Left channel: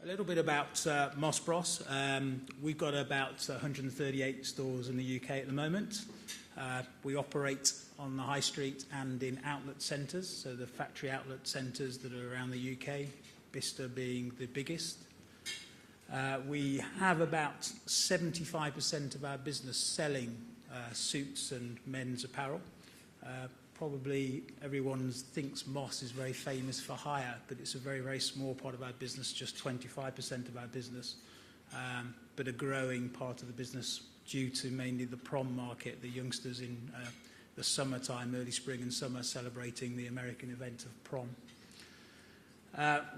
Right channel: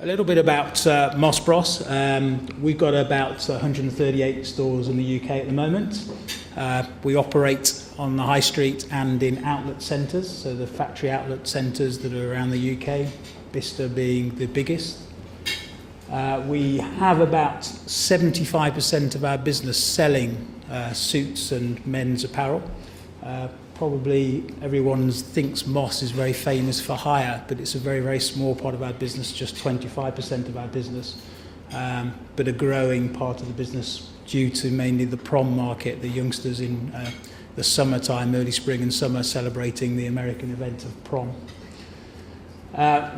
A little bit about Moss Bros. We've got about 138 stores in the UK at the moment. We operate on the high street and in outlet centres, so the factory outlet centres that are around the UK, Bicester being the biggest. We have about 75% of our business selling suits and men's apparel. Probably everyone thinks Moss is very famous for hire, but it's a very, very small part of our business, just 25% of our business, but a growing part of the business due to mainly the prom market, the youngsters in the summertime, early spring and summer, celebrating the American event of prom.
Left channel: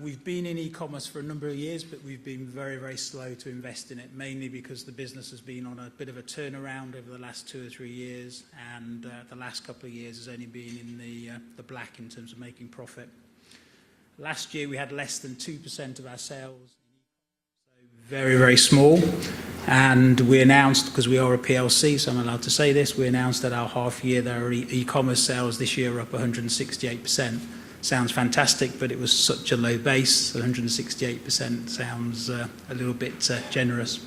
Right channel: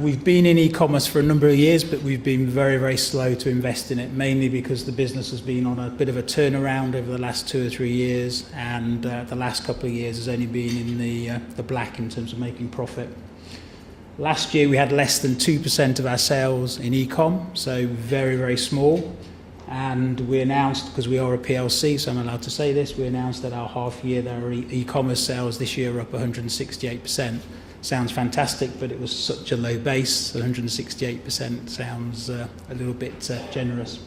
We've been in e-commerce for a number of years, but we've been very, very slow to invest in it, mainly because the business has been on a bit of a turnaround over the last 2 or 3 years, and the last couple of years has only been in the black in terms of making profit. Last year we had less than 2% of our sales in e-com, so very, very small. And we announced, because we are a PLC, so I'm allowed to say this, we announced at our half year that our e-commerce sales this year are up 168%. Sounds fantastic, but it was such a low base. 168% sounds a little bit generous.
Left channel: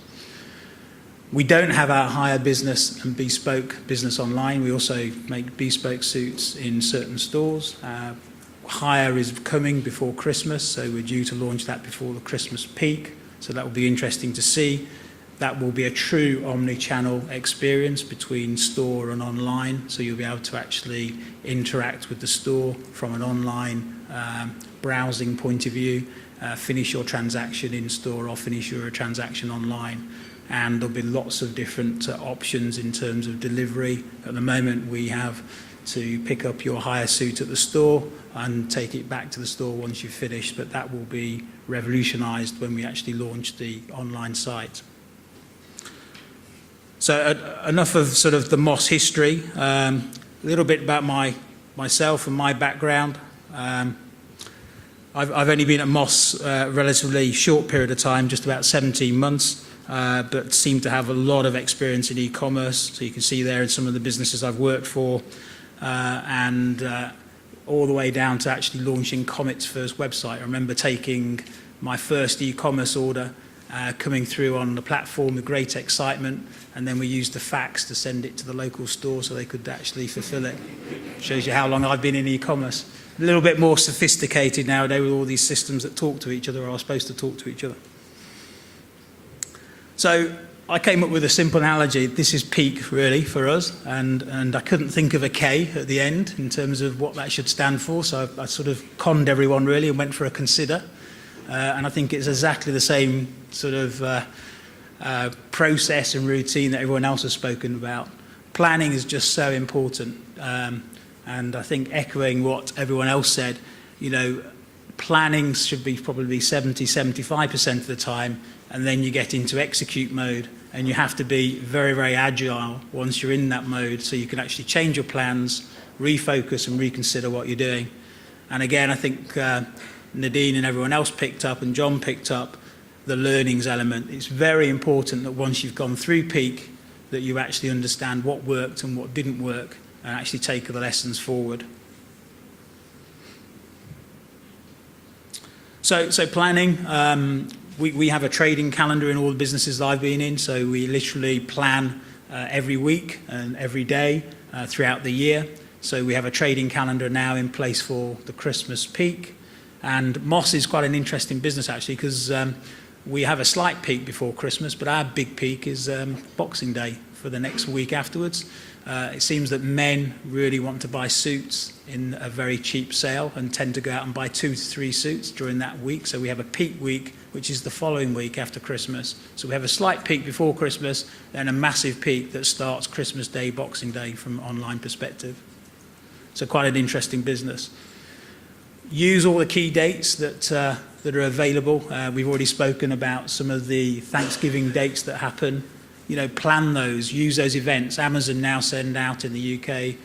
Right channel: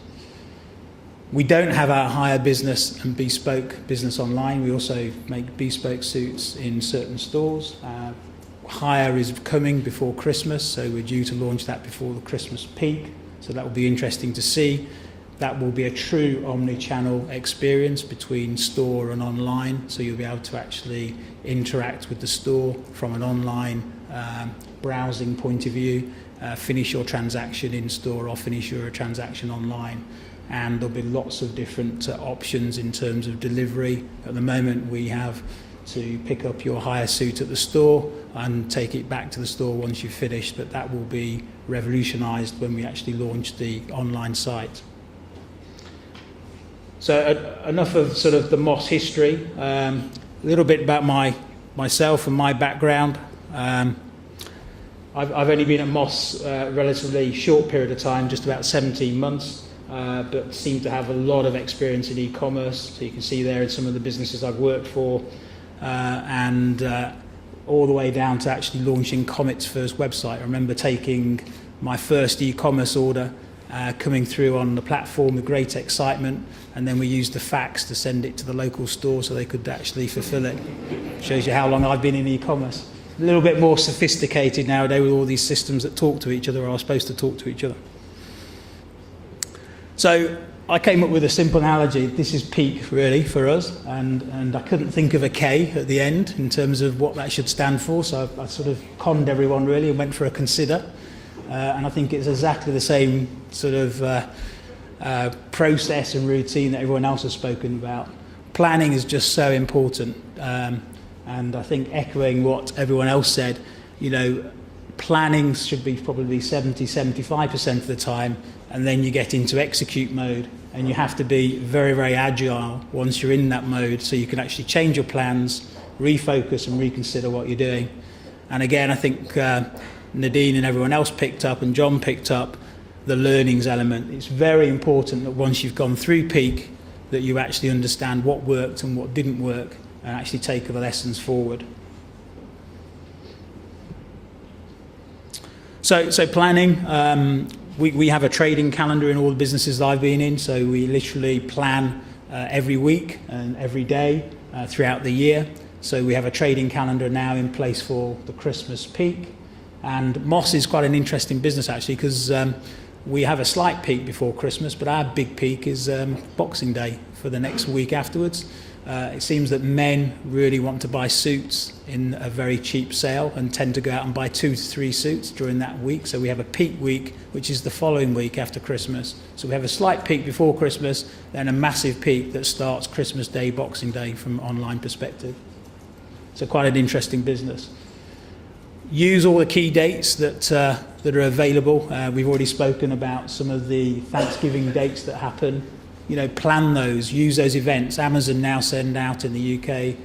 We don't have our hire business and bespoke business online. We also make bespoke suits in certain stores. Hire is coming before Christmas, so we're due to launch that before the Christmas peak. So that will be interesting to see. That will be a true omni-channel experience between store and online, so you'll be able to actually interact with the store from an online browsing point of view, finish your transaction in store or finish your transaction online. And there'll be lots of different options in terms of delivery. At the moment we have to pick up your hire suit at the store and take it back to the store once you've finished, but that will be revolutionised when we actually launch the online site. So enough of sort of the Moss history. A little bit about myself and my background. I've only been at Moss a relatively short period of time, just about 17 months, but seem to have a lot of experience in e-commerce. So you can see there in some of the businesses I've worked for, and all the way down to actually launching Comet's first website. I remember taking my first e-commerce order, coming through on the platform with great excitement, and then we used the fax to send it to the local store so they could actually fulfill it. Shows you how long I've been in e-commerce. A little bit more sophisticated nowadays with all these systems that talk to each other or are supposed to talk to each other. So I came up with a simple analogy. This is peak really for us, and I couldn't think of a K at the end in terms of what that should stand for, so I sort of conned everyone really and went for a consider. And I think it's exactly the same sort of process and routine that everyone else has spoken about. Planning is just so important, and I think echoing what everyone else said, you know, planning should be probably 70-75% of the time, and then you get into execute mode, and you have to be very, very agile once you're in that mode, so you can actually change your plans, refocus and reconsider what you're doing. And again, I think Nadine and everyone else picked up, and John picked up, the learnings element. It's very important that once you've gone through peak, that you actually understand what worked and what didn't work, and actually take the lessons forward. So planning, we have a trading calendar in all the businesses that I've been in, so we literally plan every week and every day throughout the year. So we have a trading calendar now in place for the Christmas peak. And Moss is quite an interesting business actually, because we have a slight peak before Christmas, but our big peak is Boxing Day for the next week afterwards. It seems that men really want to buy suits in a very cheap sale and tend to go out and buy 2 to 3 suits during that week. So we have a peak week, which is the following week after Christmas. So we have a slight peak before Christmas, then a massive peak that starts Christmas Day, Boxing Day from an online perspective. So quite an interesting business. Use all the key dates that are available. We've already spoken about some of the Thanksgiving dates that happen. You know, plan those, use those events. Amazon now send out in the UK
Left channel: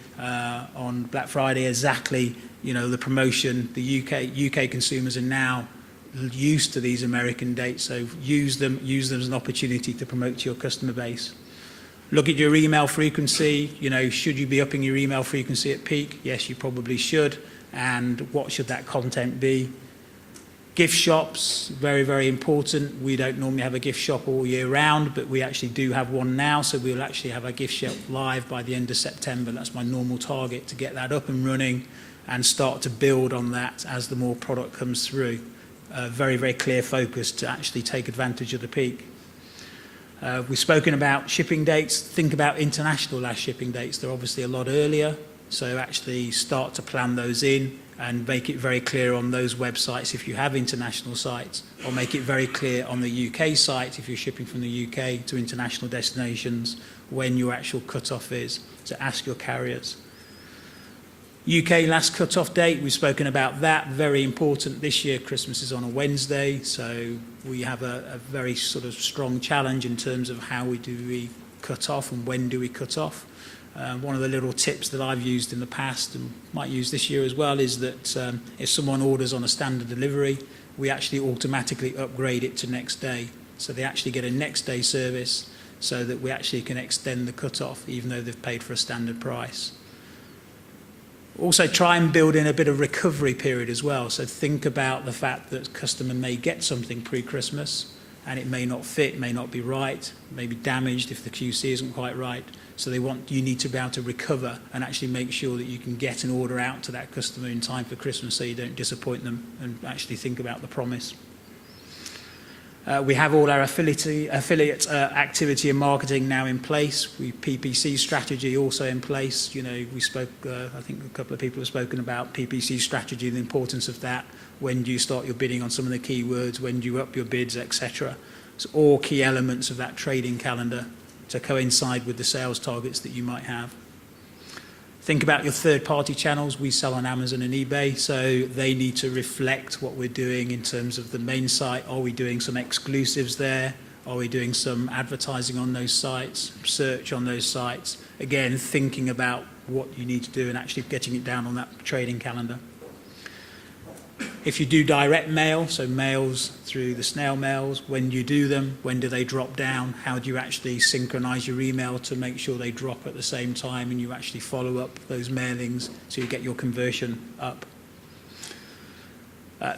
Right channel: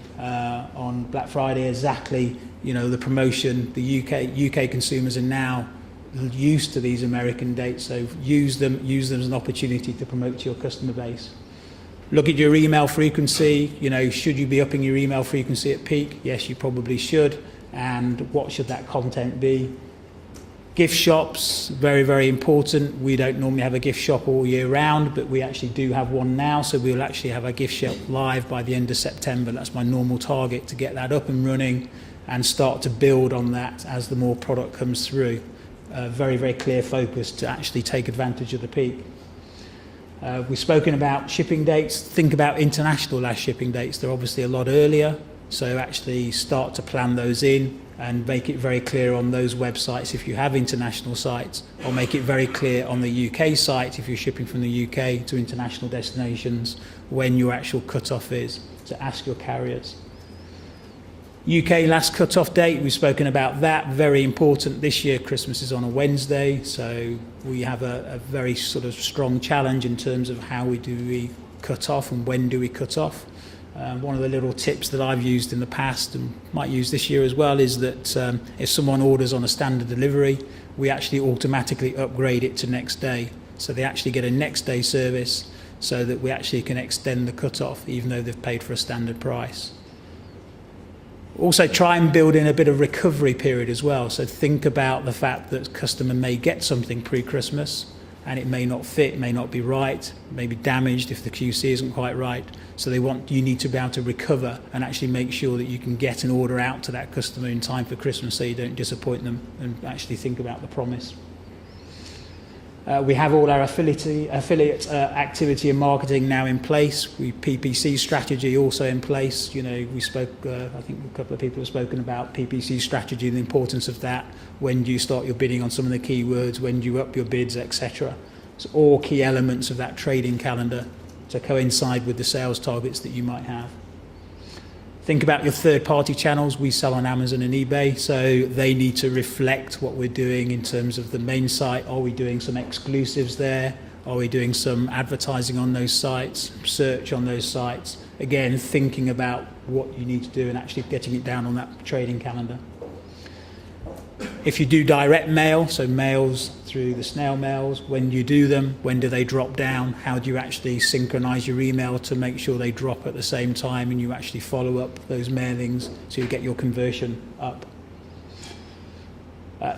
on Black Friday exactly, you know, the promotion. The UK consumers are now used to these American dates, so use them as an opportunity to promote to your customer base. Look at your email frequency. Should you be upping your email frequency at peak? Yes, you probably should. And what should that content be? Gift shops, very, very important. We don't normally have a gift shop all year round, but we actually do have one now. So we'll actually have a gift shop live by the end of September. That's my normal target, to get that up and running and start to build on that as the more product comes through. Very, very clear focus to actually take advantage of the peak. We've spoken about shipping dates. Think about international last shipping dates. They're obviously a lot earlier, so actually start to plan those in and make it very clear on those websites if you have international sites, or make it very clear on the UK site if you're shipping from the UK to international destinations when your actual cut-off is. So ask your carriers. UK last cut-off date, we've spoken about that, very important. This year Christmas is on a Wednesday, so we have a very sort of strong challenge in terms of how we cut off and when do we cut off. One of the little tips that I've used in the past and might use this year as well is that if someone orders on a standard delivery, we actually automatically upgrade it to next day. So they actually get a next day service so that we actually can extend the cut-off even though they've paid for a standard price. Also try and build in a bit of recovery period as well. So think about the fact that a customer may get something pre-Christmas and it may not fit, may not be right, may be damaged if the QC isn't quite right. So you need to be able to recover and actually make sure that you can get an order out to that customer in time for Christmas so you don't disappoint them, and actually think about the promise. We have all our affiliate activity and marketing now in place. PPC strategy also in place. We spoke, I think a couple of people have spoken about PPC strategy and the importance of that. When do you start your bidding on some of the keywords? When do you up your bids, etc.? It's all key elements of that trading calendar to coincide with the sales targets that you might have. Think about your third-party channels. We sell on Amazon and eBay, so they need to reflect what we're doing in terms of the main site. Are we doing some exclusives there? Are we doing some advertising on those sites, search on those sites? Again, thinking about what you need to do and actually getting it down on that trading calendar. If you do direct mail, so mails through the snail mails, when do you do them? When do they drop down? How do you actually synchronize your email to make sure they drop at the same time and you actually follow up those mailings so you get your conversion up?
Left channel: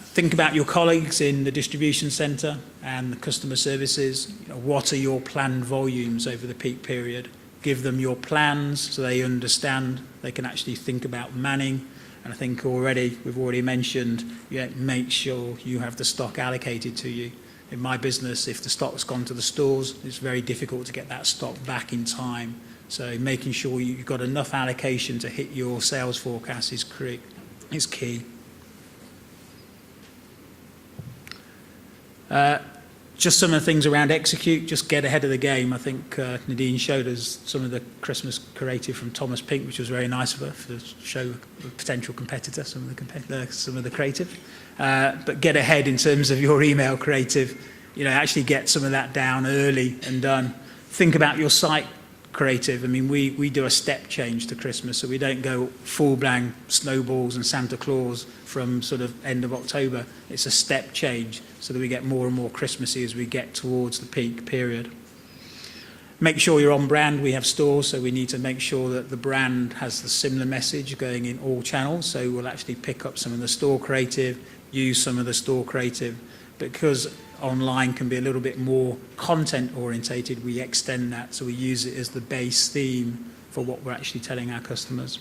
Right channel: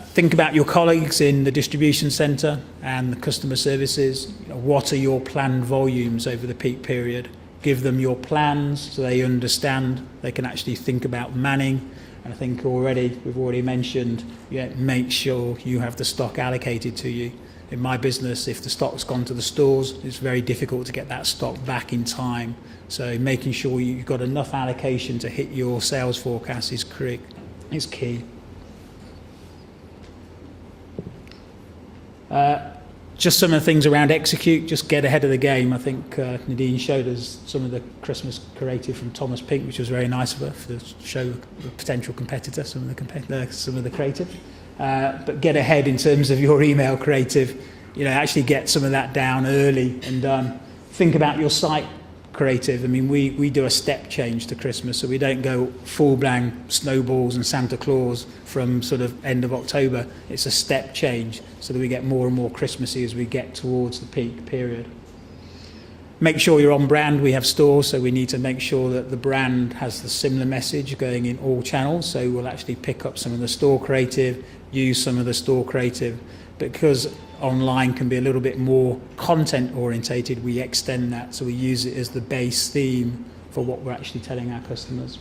Think about your colleagues in the distribution centre and the customer services. What are your planned volumes over the peak period? Give them your plans so they understand. They can actually think about manning. And I think we've already mentioned, make sure you have the stock allocated to you. In my business, if the stock's gone to the stores, it's very difficult to get that stock back in time. So making sure you've got enough allocation to hit your sales forecast is key. Just some of the things around execute, just get ahead of the game. I think Nadine showed us some of the Christmas creative from Thomas Pink, which was very nice of her to show the potential competitor, some of the creative. But get ahead in terms of your email creative. Actually get some of that down early and done. Think about your site creative. I mean, we do a step change to Christmas, so we don't go full bang snowballs and Santa Claus from sort of end of October. It's a step change so that we get more and more Christmassy as we get towards the peak period. Make sure you're on brand. We have stores, so we need to make sure that the brand has a similar message going in all channels. So we'll actually pick up some of the store creative, use some of the store creative. Because online can be a little bit more content orientated, we extend that, so we use it as the base theme for what we're actually telling our customers.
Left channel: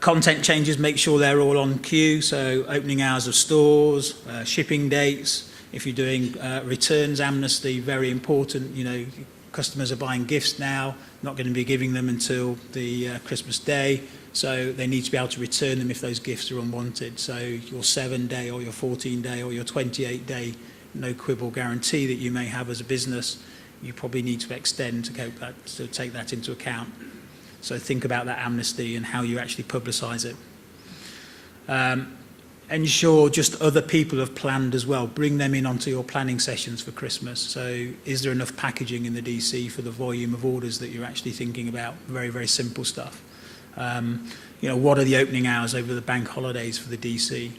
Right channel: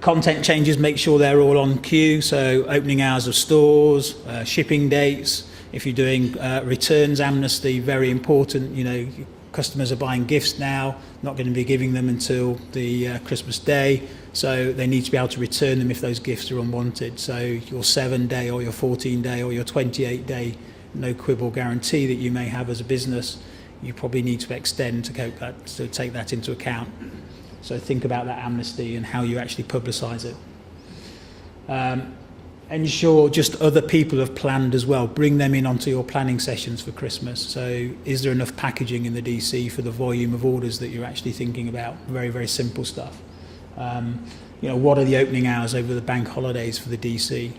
Content changes, make sure they're all on cue, so opening hours of stores, shipping dates. If you're doing returns amnesty, very important. Customers are buying gifts now, not going to be giving them until the Christmas day, so they need to be able to return them if those gifts are unwanted. So your 7-day or your 14-day or your 28-day no quibble guarantee that you may have as a business, you probably need to extend to take that into account. So think about that amnesty and how you actually publicise it. Ensure just other people have planned as well. Bring them in onto your planning sessions for Christmas. So is there enough packaging in the DC for the volume of orders that you're actually thinking about? Very, very simple stuff. What are the opening hours over the bank holidays for the DC?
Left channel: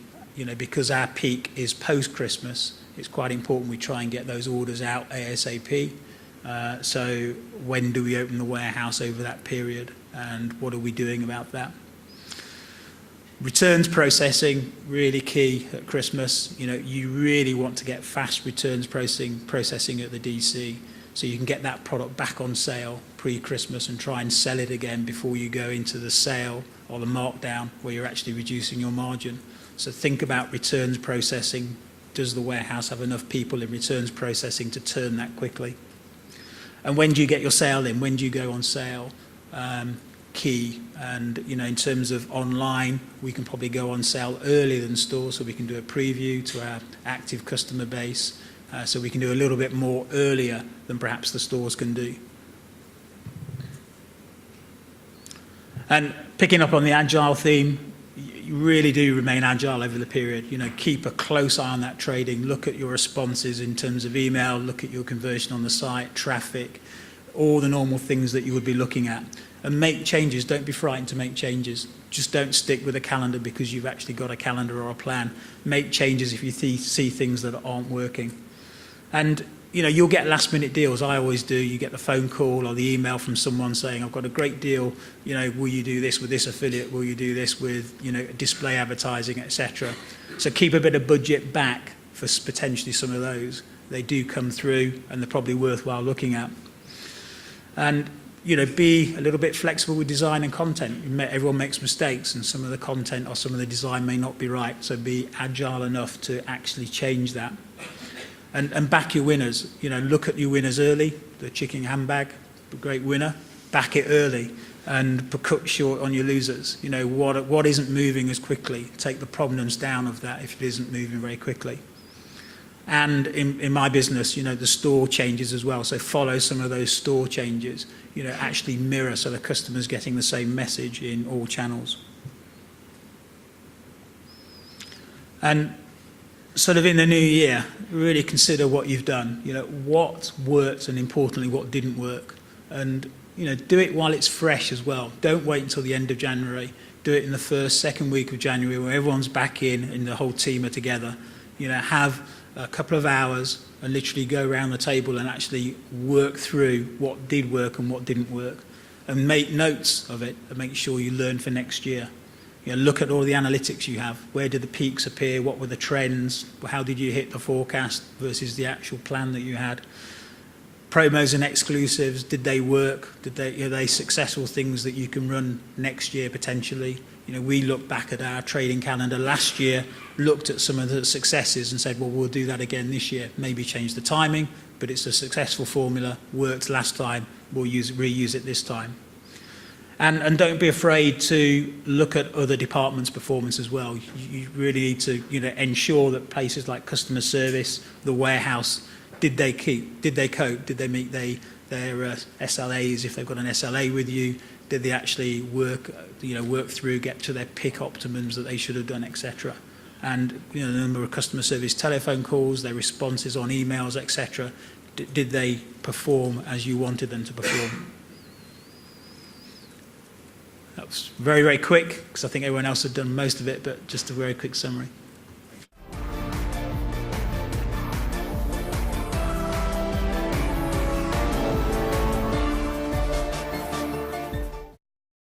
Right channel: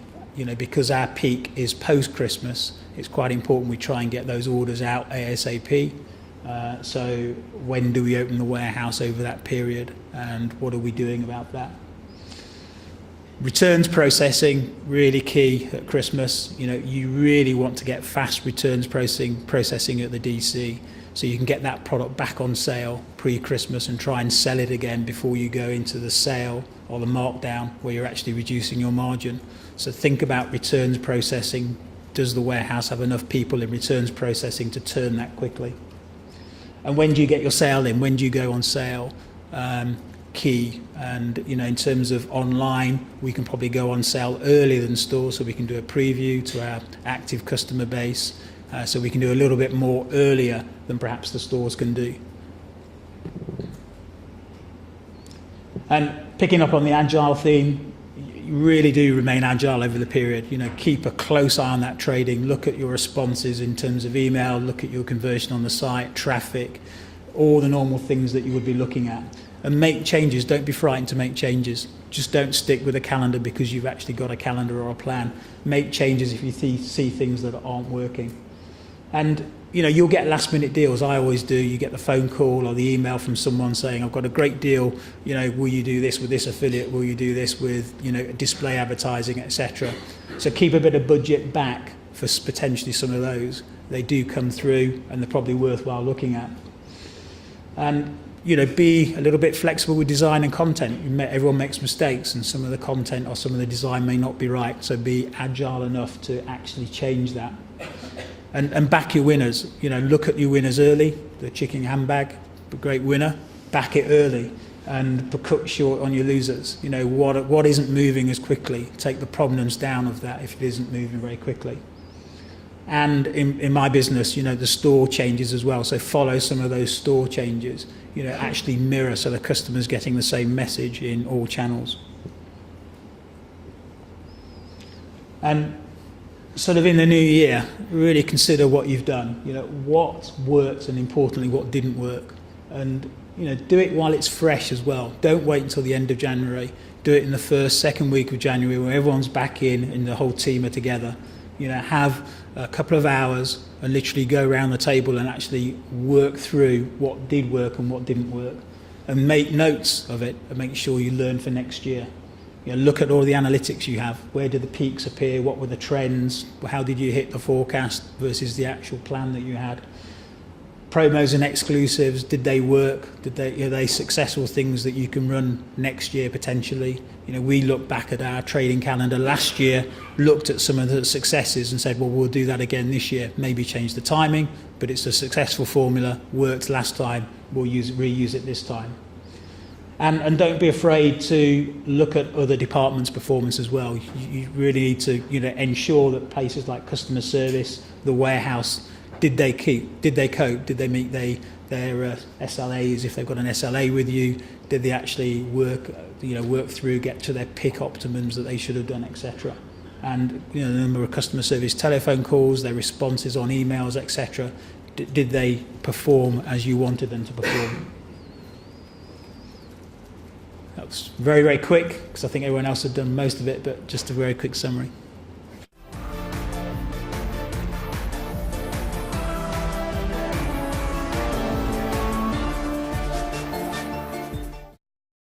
Because our peak is post-Christmas, it's quite important we try and get those orders out ASAP. So when do we open the warehouse over that period, and what are we doing about that? Returns processing, really key at Christmas. You really want to get fast returns processing at the DC, so you can get that product back on sale pre-Christmas and try and sell it again before you go into the sale or the markdown where you're actually reducing your margin. So think about returns processing. Does the warehouse have enough people in returns processing to turn that quickly? And when do you get your sale in? When do you go on sale? Key. And in terms of online, we can probably go on sale earlier than stores, so we can do a preview to our active customer base, so we can do a little bit more earlier than perhaps the stores can do. And picking up on the agile theme, you really do remain agile over the period. Keep a close eye on that trading, look at your responses in terms of email, look at your conversion on the site, traffic, all the normal things that you would be looking at. And make changes. Don't be frightened to make changes. Just don't stick with a calendar because you've actually got a calendar or a plan. Make changes if you see things that aren't working. And you'll get last minute deals. I always do. You get the phone call or the email from someone saying, I've got a great deal, will you do this with this affiliate, will you do this with display advertising, etc. So keep a bit of budget back for potentially some of those. They do come through and they're probably worthwhile looking at. And be a little bit flexible with design and content. Everyone makes mistakes, and some of the content or some of the design may not be right, so be agile enough to actually change that. And back your winners. Look at your winners early. The chicken handbag, a great winner. Back it early and cut short on your losers. What isn't moving as quickly. Take the provenance down of that if it isn't moving very quickly. And in my business, the store changes as well. So follow some of those store changes. Actually mirror so the customer's getting the same message in all channels. And sort of in the new year, really consider what you've done. What worked and importantly what didn't work. And do it while it's fresh as well. Don't wait until the end of January. Do it in the first, second week of January when everyone's back in and the whole team are together. Have a couple of hours and literally go around the table and actually work through what did work and what didn't work, and make notes of it and make sure you learn for next year. Look at all the analytics you have. Where did the peaks appear? What were the trends? How did you hit the forecast versus the actual plan that you had? Promos and exclusives, did they work? Are they successful things that you can run next year potentially? We look back at our trading calendar last year, looked at some of the successes and said, well, we'll do that again this year. Maybe change the timing, but it's a successful formula, worked last time, we'll reuse it this time. And don't be afraid to look at other departments' performance as well. You really need to ensure that places like customer service, the warehouse, did they cope? Did they meet their SLAs if they've got an SLA with you? Did they actually work through, get to their pick optimums that they should have done, etc. And the number of customer service telephone calls, their responses on emails, etc. Did they perform as you wanted them to perform? That was very, very quick because I think everyone else had done most of it, but just a very quick summary.